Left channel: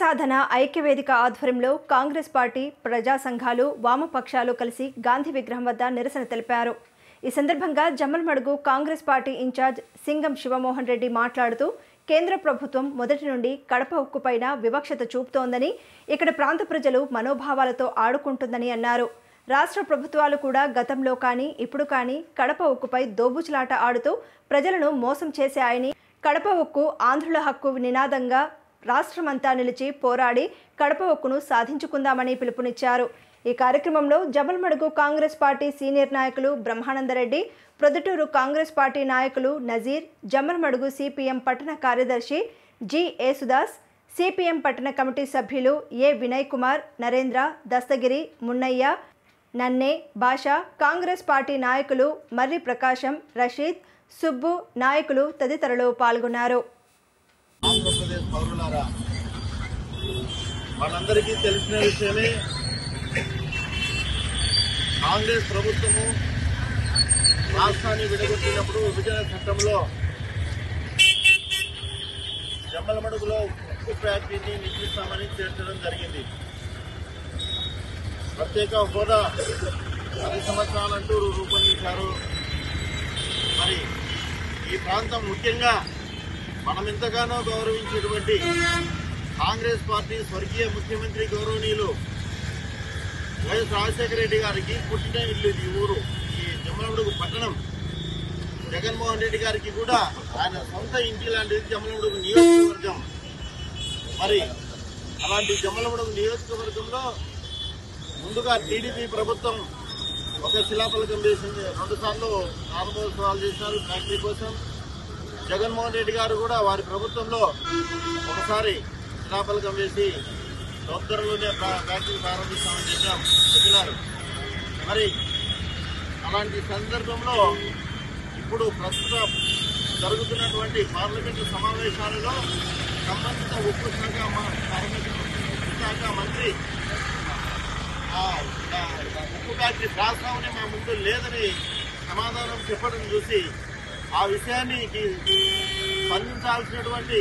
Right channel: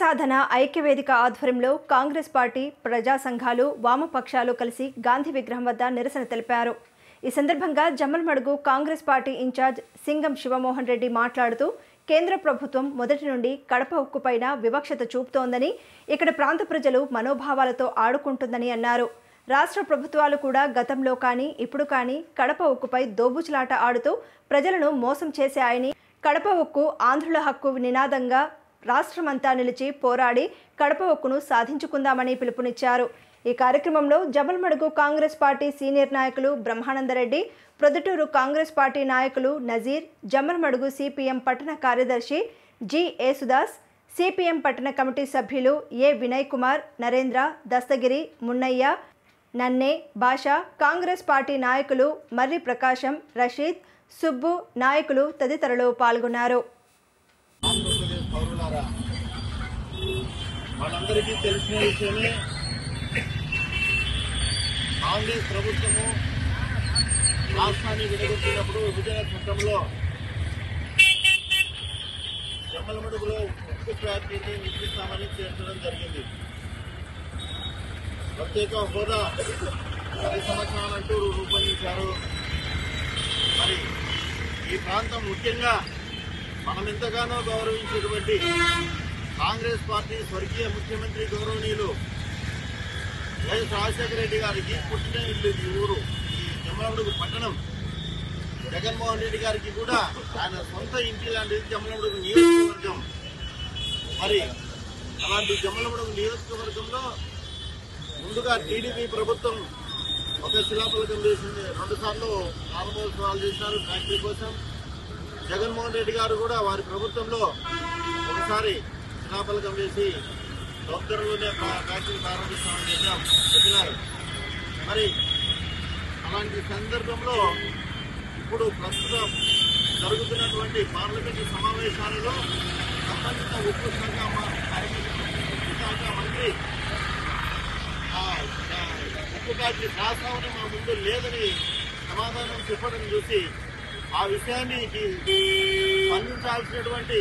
సాధన ఐక్యవేదిక ఆధ్వర్యంలో కాంగ్రెస్ పార్టీ ప్రజా సంఘాలు వామపక్షాలు కలిసి గాంధీ విగ్రహం వద్ద నిరసన తెలిపారు. ఈ సందర్భంగా జమ్మలమడుగు కాంగ్రెస్ పార్టీ ఇన్ఛార్జ్ సింగం శివమోహన్ రెడ్డి మాట్లాడుతూ కేంద్ర ప్రభుత్వం మొదటి నుండి కడప ఉక్కుపైన వివక్షత చూపుతోందని, ఇక్కడ ప్రాంత ప్రజలు మనోభావాలతో ఆడుకుంటుందని అన్నారు. రాష్ట్ర ప్రభుత్వాలు కూడా గతంలో కానీ ఇప్పుడు కానీ కడప ఉక్కుపై దోబుచులాట ఆడుతూ ప్రజలను మోసం చేశాయని, కడప ఉక్కు ఆంధ్రుల హక్కు నినాదంగా రాష్ట్రమంతా నిలిచి పోరాడి కడప ఉక్కును సాధించుకుందామని పిలుపునిచ్చారు. ఈ కార్యక్రమంలో జమ్మలమడుగు కాంగ్రెస్ పార్టీ సీనియర్ నాయకులు బ్రహ్మానందరెడ్డి, ప్రొద్దుటూరు కాంగ్రెస్ పార్టీ నాయకులు నజీర్, జమ్మలమడుగు సిపిఎం పట్టణ కార్యదర్శి జి యేసుదాస్, సిపిఎం పట్టణ కమిటీ సభ్యులు ఏ వినయ్ కుమార్, నరేంద్ర, దస్తగిరి, మున్నయ్య, నన్నే, భాష, కాంగ్రెస్ పార్టీ నాయకులు మర్రి ప్రకాశం, రషీద్, సుబ్బు నాయకులు తదితరులు పాల్గొన్నారు. ఆంధ్రప్రదేశ్ పౌరులారా, మనందరికీ తెలిసిన విషయమే, కాంగ్రెస్ ప్రభుత్వము రాష్ట్రాన్ని విడగొట్టినప్పుడు విభజన చట్టంలో జమ్మలమడుగులో ఉక్కు ఫ్యాక్టరీని నిర్మిస్తామని చేర్చడం జరిగింది. ప్రత్యేక హోదా 10 సంవత్సరాలంటూ రూపొందించారు. మరి ఈ ప్రాంతం ముఖ్యంగా మనం ఎంతగానో గౌరవించేటువంటి కాంగ్రెస్ పార్టీ స్వర్గీయ ముఖ్యమంత్రి గౌరవనీయులు వైఎస్ రాజశేఖర రెడ్డి గారికి పుట్టిన ఇల్లు ఈ ఊరు, ఈ జమ్మలమడుగు పట్టణం. జగన్మోహన్ రెడ్డి గారికి కూడా ఆయన సొంత ఇంటి లాంటిది జమ్మలమడుగు నియోజకవర్గం. మరి అలాంటి జమ్మలమడుగు నియోజకవర్గంలో ముందుగా టీడీపీ ప్రభుత్వం ఒక శిలాఫలకం చేసింది. 2 సార్లు ప్రారంభోత్సవాలు చేసినారు ఫ్యాక్టరీ కోసం. జగన్మోహన్ రెడ్డి గారు కూడా వారి ప్రభుత్వంలో ఒకసారి శిలాఫలకం వేసి తొందరలోనే ఫ్యాక్టరీ ప్రారంభిస్తామని చెప్పినారు. మరి అలాంటి సందర్భంలో ఇప్పుడు ప్రస్తుతం జరుగుతున్నటువంటి పార్లమెంటు సమావేశాలలో సంబంధిత ఉక్కు శాఖ మంత్రి ఉక్కు ఫ్యాక్టరీ ప్రాస్తావన మా ముందు లేదని సమాధానం చెప్పడం చూసి ఆ విషయాన్ని స్పందించాల్సినటువంటి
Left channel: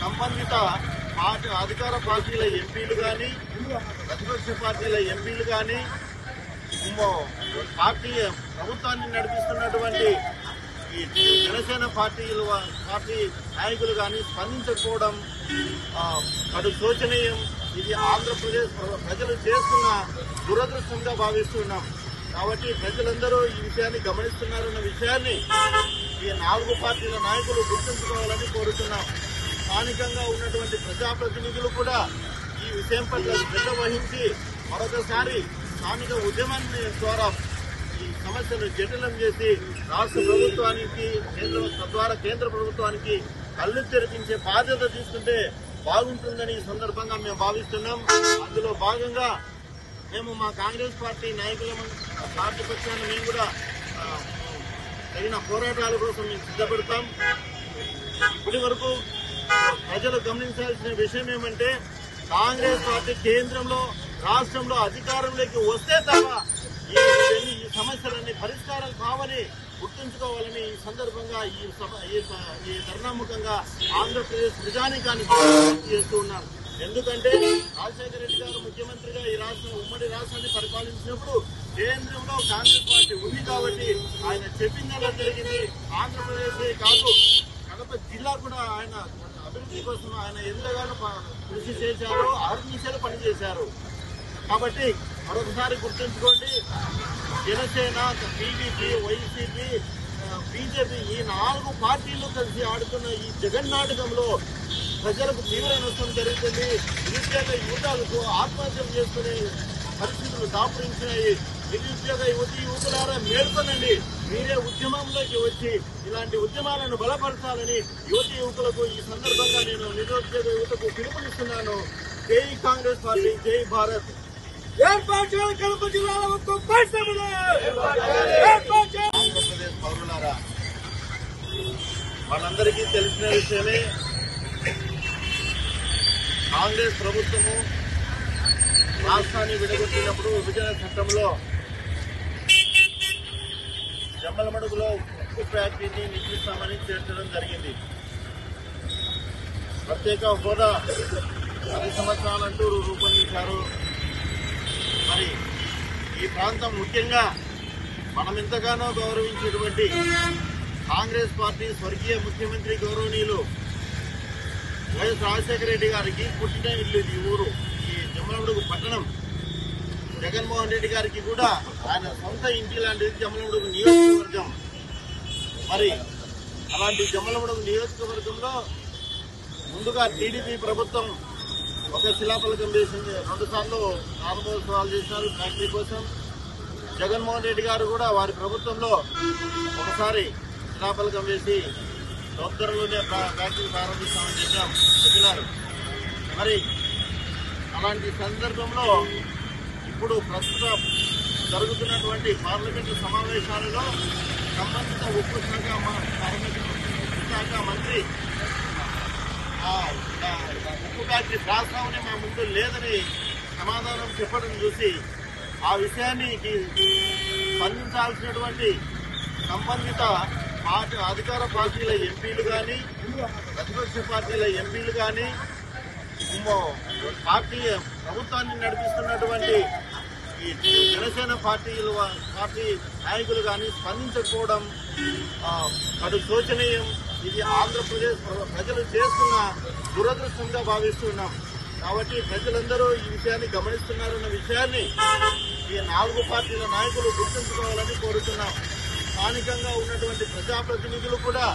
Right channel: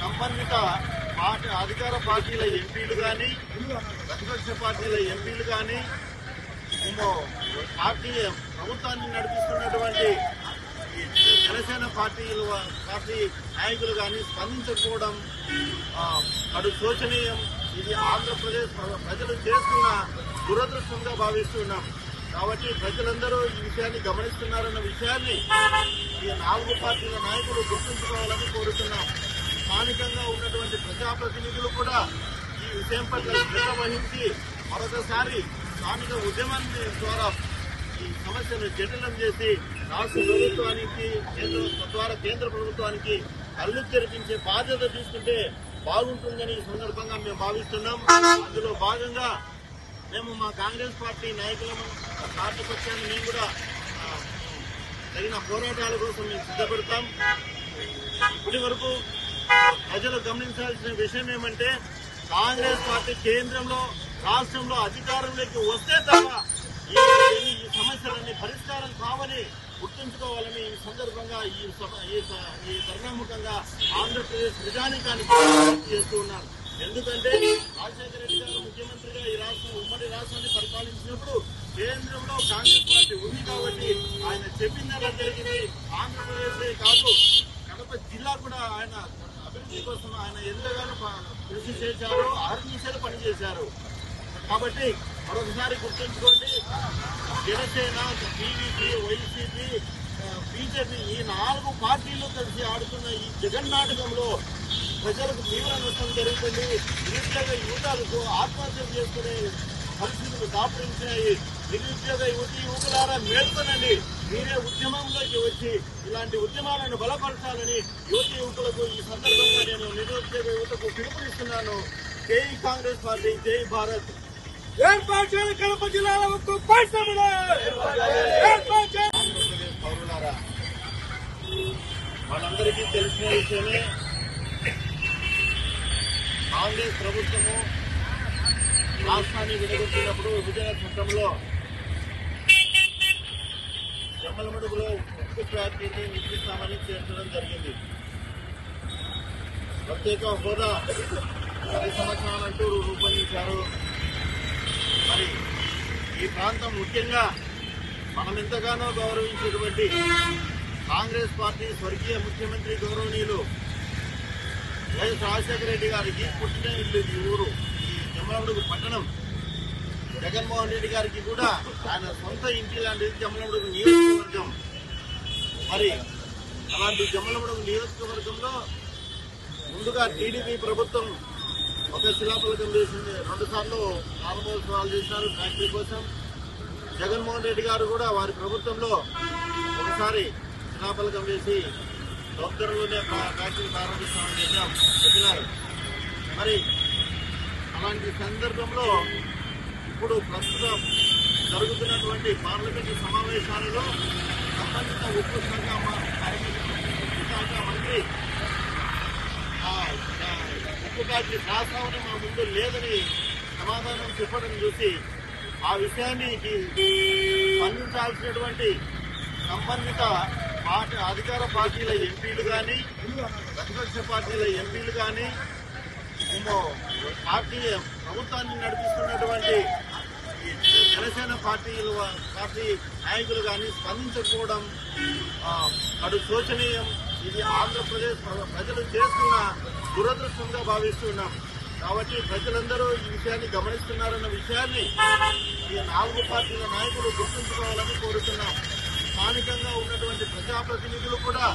సంబంధిత అధికార పార్టీల ఎంపీలు కానీ, ప్రతిపక్ష పార్టీల ఎంపీలు కానీ, పార్టీ ప్రభుత్వాన్ని నడిపిస్తున్నటువంటి ఈ జనసేన పార్టీ నాయకులు కానీ స్పందించకపోవడం కడు శోచనీయం. ఇది ఆంధ్రప్రదేశ్ ప్రజలు చేస్తున్న దురదృష్టంగా భావిస్తున్నాం. కాబట్టి ప్రజలందరూ ఈ విషయాన్ని గమనిస్తున్నారన్న విషయాన్ని ఈ 4 పార్టీల నాయకులు గుర్తుంచుకోవాలని కోరుతున్నాం. స్థానికంగా ఉన్నటువంటి ప్రజాప్రతినిధులు కూడా ఈ విషయం పట్ల శ్రద్ధ వహించి మరొకసారి స్థానిక ఉద్యమాన్ని ద్వారా ఈ సమస్యను జటిలం చేసి రాష్ట్ర ప్రభుత్వానికి తద్వారా కేంద్ర ప్రభుత్వానికి కళ్ళు తెరిపించే బాధ్యత తీసుకుంటే బాగుంటుందని ఈ సందర్భంగా మేము భావిస్తున్నాం. అందులో భాగంగా మేము మా కాంగ్రెస్ పార్టీ నాయకుల పార్టీ పక్షాన్ని మేము కూడా తగిన పోరాటాల కోసం మేము సిద్ధపడతాం. ఇప్పటి వరకు ప్రజలు గమనించాల్సిన విషయం ఏమంటే, కాంగ్రెస్ పార్టీ కేంద్రంలో రాష్ట్రంలో అధికారంలోకి వస్తే తప్ప ఈ సమస్యలన్నీ పరిష్కారం కావని గుర్తుంచుకోవాలని ఈ సందర్భంగా ఈ ధర్నాముఖంగా ఆంధ్రప్రదేశ్ ప్రజానీకానికి చేస్తూ ఉన్నారు. ఎందుకంటే రాజశేఖర రెడ్డి గారు ముఖ్యమంత్రిగా ఈ ఉమ్మడి రాష్ట్రాన్ని పరిపాలించినప్పుడు కేంద్రంలో కాంగ్రెస్ పార్టీ ఉంది కాబట్టి ఆయన చెప్పిందలా జరిగింది. ఆంధ్రప్రదేశే కాదు, కడప జిల్లా కూడా ఆయన అభివృద్ధి కోసం ఆయన ఎంతగానో కృషి చేశారు, అహర్నిశలు పనిచేశారు. కాబట్టి మరొకసారి గుర్తుంచుకోండి, జనసేన, టీడీపీ, వైసీపీ, బీజేపీ ఈ 4 పార్టీలు కలిసి ఆడుతున్న ఈ జగన్నాటకంలో ప్రజలకు తీవ్ర నష్టం జరుగుతుంది. నిరుద్యోగ యువతలకు ఆత్మహత్యలు చేసుకునే పరిస్థితులు దాపురించినాయి. నిరుద్యోగ యువకులారా మేల్కొనండి. మీరే ఉద్యమంలోకి వచ్చి ఇలాంటి ఉద్యమాలను బలపరచాలని యువకులకు ఈ సందర్భంగా నేను నిరుద్యోగ యువతకు పిలుపునిస్తున్నాను. జై కాంగ్రెస్ పార్టీ, జై భారత్. కడప జిల్లాలో ఆంధ్రప్రదేశ్ పౌరులారా, మనందరికీ తెలిసిన విషయమే, కాంగ్రెస్ ప్రభుత్వము రాష్ట్రాన్ని విడగొట్టినప్పుడు విభజన చట్టంలో జమ్మలమడుగులో ఉక్కు ఫ్యాక్టరీని నిర్మిస్తామని చేర్చడం జరిగింది. ప్రత్యేక హోదా 10 సంవత్సరాలంటూ రూపొందించారు. మరి ఈ ప్రాంతం ముఖ్యంగా మనం ఎంతగానో గౌరవించేటువంటి కాంగ్రెస్ పార్టీ స్వర్గీయ ముఖ్యమంత్రి గౌరవనీయులు వైఎస్ రాజశేఖర రెడ్డి గారికి పుట్టిన ఇల్లు ఈ ఊరు, ఈ జమ్మలమడుగు పట్టణం. జగన్మోహన్ రెడ్డి గారికి కూడా ఆయన సొంత ఇంటి లాంటిది జమ్మలమడుగు నియోజకవర్గం. మరి అలాంటి జమ్మలమడుగు నియోజకవర్గంలో ముందుగా టీడీపీ ప్రభుత్వం ఒక శిలాఫలకం వేసింది. 2 సార్లు ప్రారంభోత్సవాలు చేసినారు ఫ్యాక్టరీ కోసం. జగన్మోహన్ రెడ్డి గారు కూడా వారి ప్రభుత్వంలో ఒకసారి శిలాఫలకం వేసి తొందరలోనే ఫ్యాక్టరీ ప్రారంభిస్తామని చెప్పినారు. మరి అలాంటి సందర్భంలో ఇప్పుడు ప్రస్తుతం జరుగుతున్నటువంటి పార్లమెంటు సమావేశాలలో సంబంధిత ఉక్కు శాఖ మంత్రి ఉక్కు ఫ్యాక్టరీ ప్రస్తావన మా ముందు లేదని సమాధానం చెప్పడం చూసి ఆ విషయాన్ని స్పందించాల్సినటువంటి సంబంధిత అధికార పార్టీల ఎంపీలు కానీ ప్రతిపక్ష పార్టీల ఎంపీలు కానీ పార్టీ ప్రభుత్వాన్ని నడిపిస్తున్నటువంటి ఈ జనసేన పార్టీ నాయకులు కానీ స్పందించకపోవడం కడు శోచనీయం. ఇది ఆంధ్రప్రదేశ్ ప్రజలు చేస్తున్న దురదృష్టంగా భావిస్తున్నాం. కాబట్టి ప్రజలందరూ ఈ విషయాన్ని గమనిస్తున్నారన్న విషయాన్ని ఈ 4 పార్టీల నాయకులు గుర్తుంచుకోవాలని కోరుతున్నాం. స్థానికంగా ఉన్నటువంటి ప్రజాప్రతినిధులు కూడా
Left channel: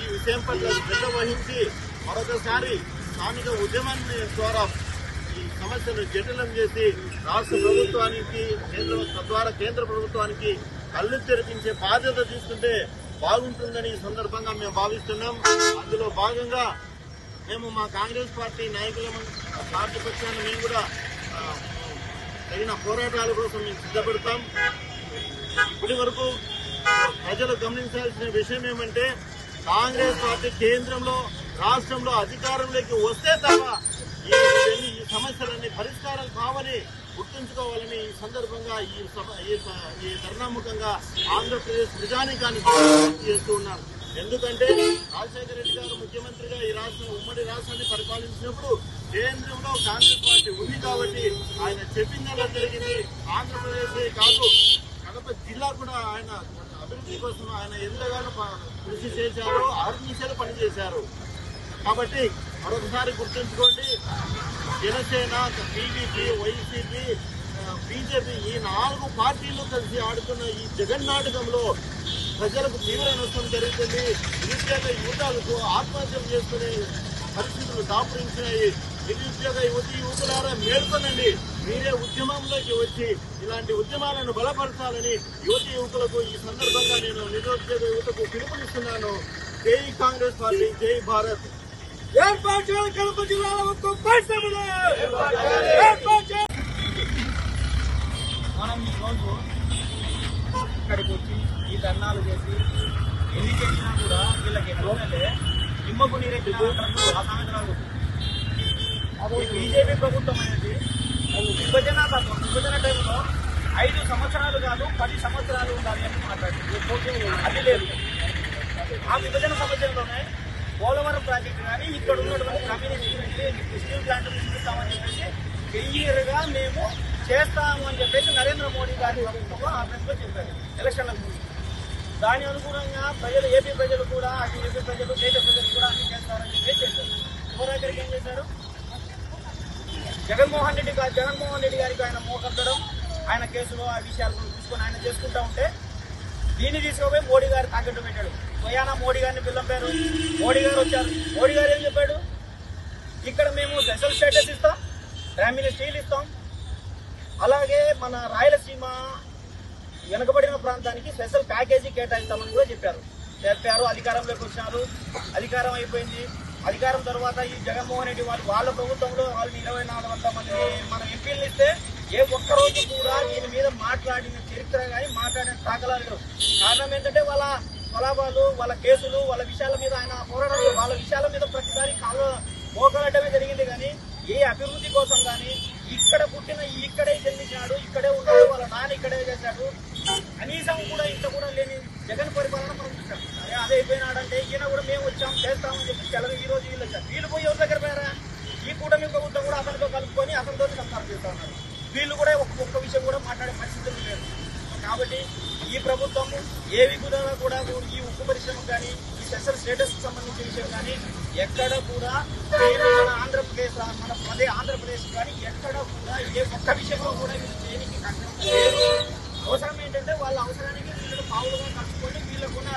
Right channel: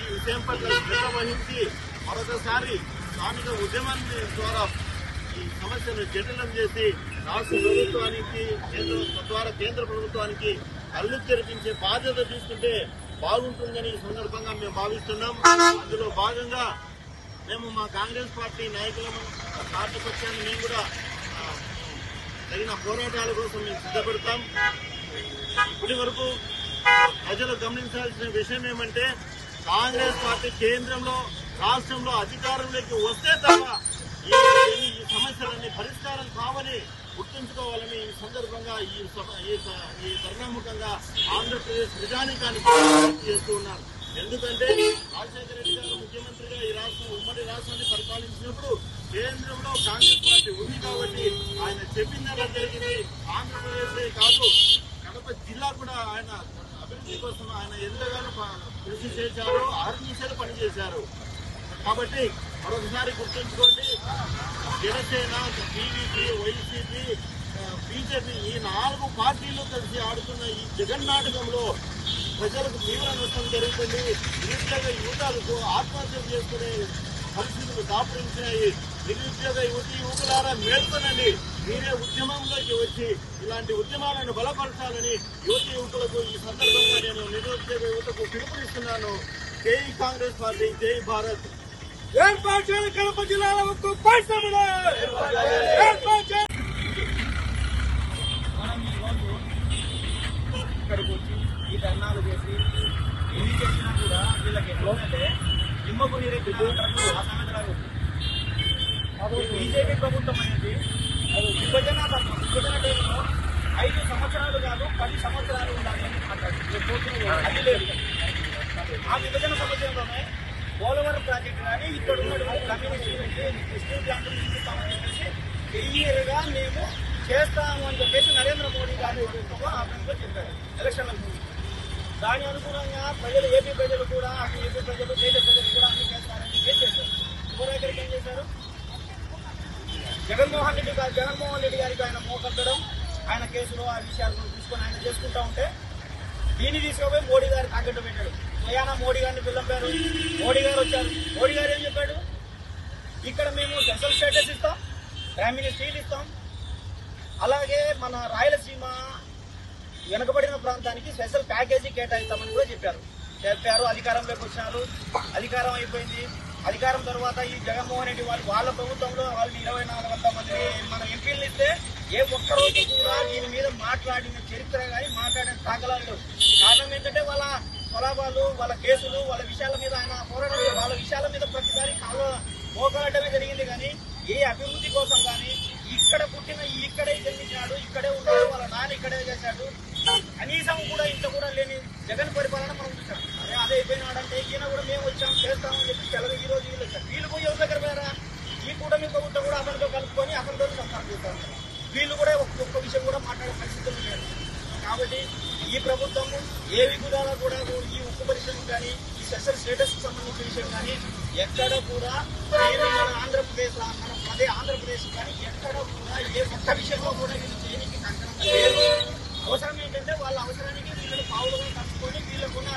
ఈ విషయం పట్ల శ్రద్ధ వహించి మరొకసారి స్థానిక ఉద్యమాన్ని ద్వారా ఈ సమస్యను జటిలం చేసి రాష్ట్ర ప్రభుత్వానికి తద్వారా కేంద్ర ప్రభుత్వానికి కళ్ళు తెరిపించే బాధ్యత తీసుకుంటే బాగుంటుందని ఈ సందర్భంగా మేము భావిస్తున్నాం. అందులో భాగంగా మేము మా కాంగ్రెస్ పార్టీ నాయకుల పార్టీ పక్షాన్ని మేము కూడా తగిన పోరాటాల కోసం మేము సిద్ధపడతాం. ఇప్పటి వరకు ప్రజలు గమనించాల్సిన విషయం ఏమంటే కాంగ్రెస్ పార్టీ కేంద్రంలో రాష్ట్రంలో అధికారంలోకి వస్తే తప్ప ఈ సమస్యలన్నీ పరిష్కారం కావని గుర్తుంచుకోవాలని ఈ సందర్భంగా ఈ తరుణాముఖంగా ఆంధ్రప్రదేశ్ ప్రజానీకానికి విజ్ఞప్తి చేస్తూ ఉన్నారు. ఎందుకంటే రాజశేఖర రెడ్డి గారు ముఖ్యమంత్రిగా ఈ ఉమ్మడి రాష్ట్రాన్ని పరిపాలించినప్పుడు కేంద్రంలో కాంగ్రెస్ పార్టీ ఉంది కాబట్టి ఆయన చెప్పిందలా జరిగింది. ఆంధ్రప్రదేశే కాదు కడప జిల్లా కూడా ఆయన అభివృద్ధి కోసం ఆయన ఎంతగానో కృషి చేశారు, అహర్నిశలు పనిచేశారు. కాబట్టి మరొకసారి గుర్తుంచుకోండి, జనసేన, టీడీపీ, వైసీపీ, బీజేపీ ఈ 4 పార్టీలు కలిసి ఆడుతున్న ఈ జగన్నాటకంలో ప్రజలకు తీవ్ర నష్టం జరుగుతుంది. నిరుద్యోగ యువతలకు ఆత్మహత్యలు చేసుకునే పరిస్థితులు దాపురించినాయి. నిరుద్యోగ యువకులారా మేల్కొనండి. మీరే ఉద్యమంలోకి వచ్చి ఇలాంటి ఉద్యమాలను బలపరచాలని యువకులకు ఈ సందర్భంగా నేను నిరుద్యోగ యువతకు పిలుపునిస్తున్నాను. జై కాంగ్రెస్ పార్టీ, జై భారత్. ఏర్పాటు చేయాలి కడప జిల్లాలో ఒక్క పరిశ్రమలు ఏర్పాటు చేయాలి. మనం ఈరోజు ఇక్కడికి వచ్చి ఈ ధర్నాలు చేసి ఎన్ని చేసినా కూడా వీళ్ళకి ఎట్లంటే నిమ్మకు నీరెక్కిన అసామెతరాలు. బీజేపీ ప్రభుత్వం అనేది విభజన టైంలో 5 సంవత్సరాలు కాదు 10 సంవత్సరాలు ఉండాలి అని మాట్లాడింది. అది లేదు. ఆ విభజన సమస్యలోనే పోలవరం ప్రాజెక్టు కానీ ఇక్కడ ఉన్నటువంటి కమ్యూనిటీ స్టీల్ ప్లాంట్ నిర్మిస్తామని చెప్పేసి క్లియర్గా మేము చేస్తాము అని చెప్పేసి నరేంద్ర మోడీ గారి ప్రభుత్వంలో ఆ ఫ్రెండ్లో చెప్పారు ఎలక్షన్ల ముందు. దాని అనుగుణంగా ప్రజలు ఏపీ ప్రజలు కూడా అటు ఏపీ ప్రజలు దేశ ప్రజలు కూడా అన్ని చేస్తారని చెప్పేసి చేశారు. చివరికి ఏం చేశారు? జగన్మోహన్ రెడ్డి గారికి ఆయన మోకద్దడం, ఆయన కేసులో ఆ విషయాలను తీసుకొని ఆయన చేసుకుంటా ఉంటే దీన్ని తీసుకుపోయి మోడీ గారు తాకట్టు పెట్టాడు. పోయానా మోడీ గారిని పిల్లంపారు. మోడీ గారు వచ్చారు. మోడీ గారు ఏం చెప్పాడు? ఇక్కడ మేము స్పెషల్ స్టేటస్ ఇస్తాం, ప్రైమ్ మినిస్టర్ ఇస్తాం, అలాగే మన రాయలసీమ వెనుకబడిన ప్రాంతానికి స్పెషల్ ప్యాకేజీ కేటాయిస్తామని కూడా చెప్పారు. అధికారంలోకి వచ్చినారు. అధికారం అయిపోయింది. అధికారం తర్వాత ఈ జగన్మోహన్ రెడ్డి వాళ్ళ ప్రభుత్వంలో వాళ్ళని 2400 మందిని మన ఎంపీలు ఇస్తే ఏ ఒక్కరోజు కూడా దీని మీద మాట్లాడిన చరిత్ర కానీ మాట్లాడిన దాఖలాలు లేవు. కారణం ఏంటంటే వాళ్ళ స్వలాభాలు, వాళ్ళ కేసులు, వాళ్ళ విషయాల మీద ఆయన పోరాటం, వాళ్ళ విషయాల మీద ప్రతిసారి మోకలటమే జరిగింది. కానీ ఏ అభివృద్ధి కోసం కానీ ఇక్కడ పుట్టిన ఇక్కడే జన్మించినాడు, ఇక్కడే ఉన్నాడు, వాళ్ళ నాన్న ఇక్కడే చేశాడు, కనీసం కూడా ఇంత కూడా లేని జగన్ పరిపాలన మనం చూసాం. సరే అదే అయిపోయినాడంటే ఈయన కూడా మేము వచ్చాం చేస్తామని చెప్పి ఈ రోజు వీళ్ళు వచ్చారు. వీళ్ళు పోయి ఎవరి దగ్గర పోయారా? ఈ కూటమి ప్రభుత్వం కూడా అతనితో కలుపుకొని అతనితో సంసారం చేస్తున్నారు. వీళ్ళు కూడా ఒక్క విషయం కూడా మాట్లాడే పరిస్థితులు లేరు. కాబట్టి ఈ ప్రభుత్వం ఏ విధంగా కూడా ఈ ఉక్కు పరిశ్రమకు కానీ ఈ స్పెషల్ స్టేటస్ కు సంబంధించిన విషయం కానీ ఎక్కడ కూడా మన ఆంధ్రప్రదేశ్ కానీ ఎక్కడ కూడా ఏ ఒక్క విషయంలో కూడా వీళ్ళు దేనికి కంకణం లేదు. అవసరం ఏంటంటే వాళ్ళ అవసరానికి వీళ్ళని పావులుగా కలుపుకొని వీళ్ళకున్న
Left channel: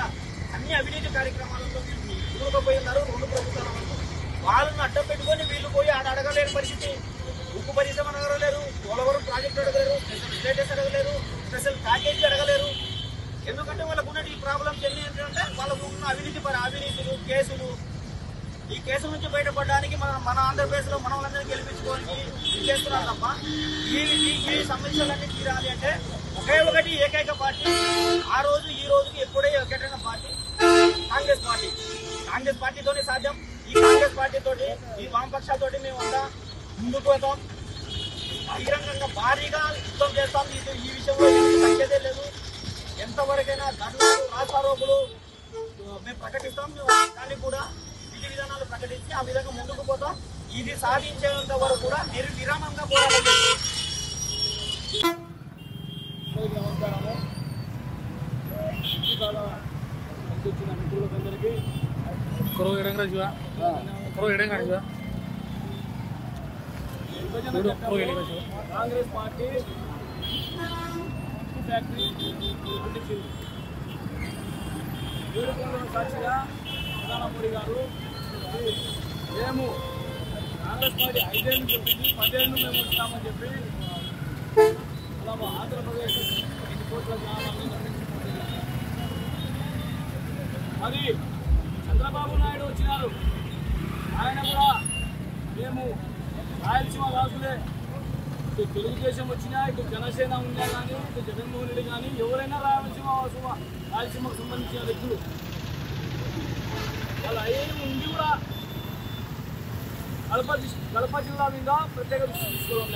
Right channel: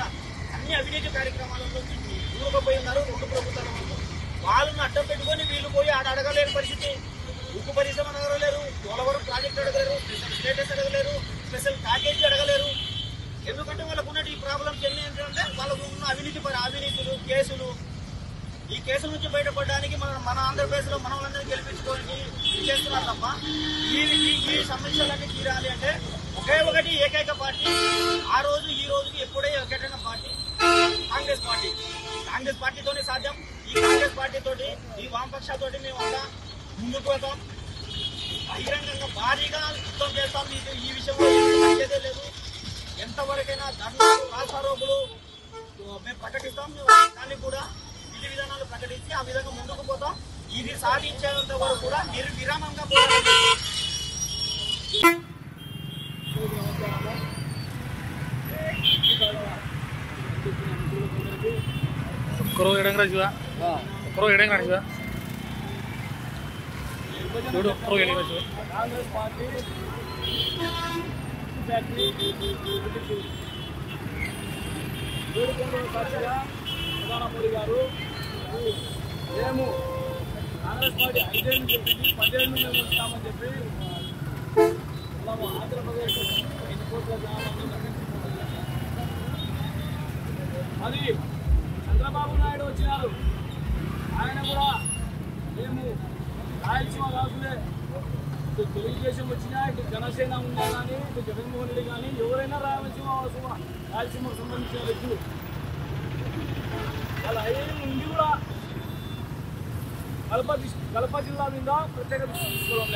అన్ని అవినీతి కార్యక్రమాలలో వీళ్ళు దూరపోయి ఉన్నారు. 2 ప్రభుత్వాల వాళ్ళు వాళ్ళని అడ్డం పెట్టుకొని వీళ్ళు పోయి అడగలేని పరిస్థితి. ఉక్కు పరిశ్రమ అడగలేరు, పోలవరం ప్రాజెక్టు అడగలేరు, స్పెషల్ స్టేటస్ అడగలేరు, స్పెషల్ ప్యాకేజీ అడగలేరు. ఎందుకంటే వాళ్ళకు ఉన్న ఈ ప్రాబ్లమ్స్ ఎన్ని ఏంటంటే వాళ్ళకు ఉన్న అవినీతులు, కేసులు. ఈ కేసుల నుంచి బయటపడడానికి మన ఆంధ్రప్రదేశ్ లో మన వాళ్ళందరినీ గెలిపించుకోవడానికి చేస్తున్నారు తప్ప ఈ సమస్యలన్నీ తీరాలి అంటే ఒకే ఒకటి ఏకైక పార్టీ ఆ రోజు ఈ రోజుకి ఎప్పుడే ఒకటైన పార్టీ కాంగ్రెస్ పార్టీతోనే సాధ్యం. ఈ కాంగ్రెస్ పార్టీతోటి ఈ వామపక్షాలతోటి మేమంతా ముందుకు పోతాం. బహిరంగంగా భారీగా యుద్ధం చేస్తాం. ఈ విషయంలో తగ్గేదే లేదు. ఎంతవరకైనా ధర్నాలు, రాస్తారోకులు మేము ప్రకటిస్తాం. దాన్ని కూడా విధి విధానాలు ప్రకటించి ఆ విధంగా ముందుకు పోతాం. ఇది సాధించేంత వరకు కూడా నిర్విరామంగా పోరాటం చేస్తాం. కాంగ్రెస్ పార్టీ ఫ్యాక్టరీ సాక్షిగా ప్రధాని మోడీ గారు మేము కాంగ్రెస్ పార్టీ 5 ఏళ్ళు చెప్పింది, 10 ఏళ్ళు మేము వచ్చామని చెప్పి అలా ఆంధ్రప్రదేశ్ 5 కోట్ల గ్రామాలను నిర్మించుకుంటూ చేశారు. మరి చంద్రబాబు నాయుడు వచ్చినారు. ఆయన కూడా మేము రాయలసీమ వాసులే, ఇటు తెలుగుదేశం వచ్చినా, ఇటు జనసేన ఉన్నా కానీ, ఇటు జగన్మోహన్ రెడ్డి కానీ ఎవరైనా రాయలసీమకు సంబంధించిన వ్యక్తులు వాళ్ళ అయ్యేది ఉండి కూడా కడప జిల్లా మీద ప్రత్యేక దృష్టి తీసుకోవడం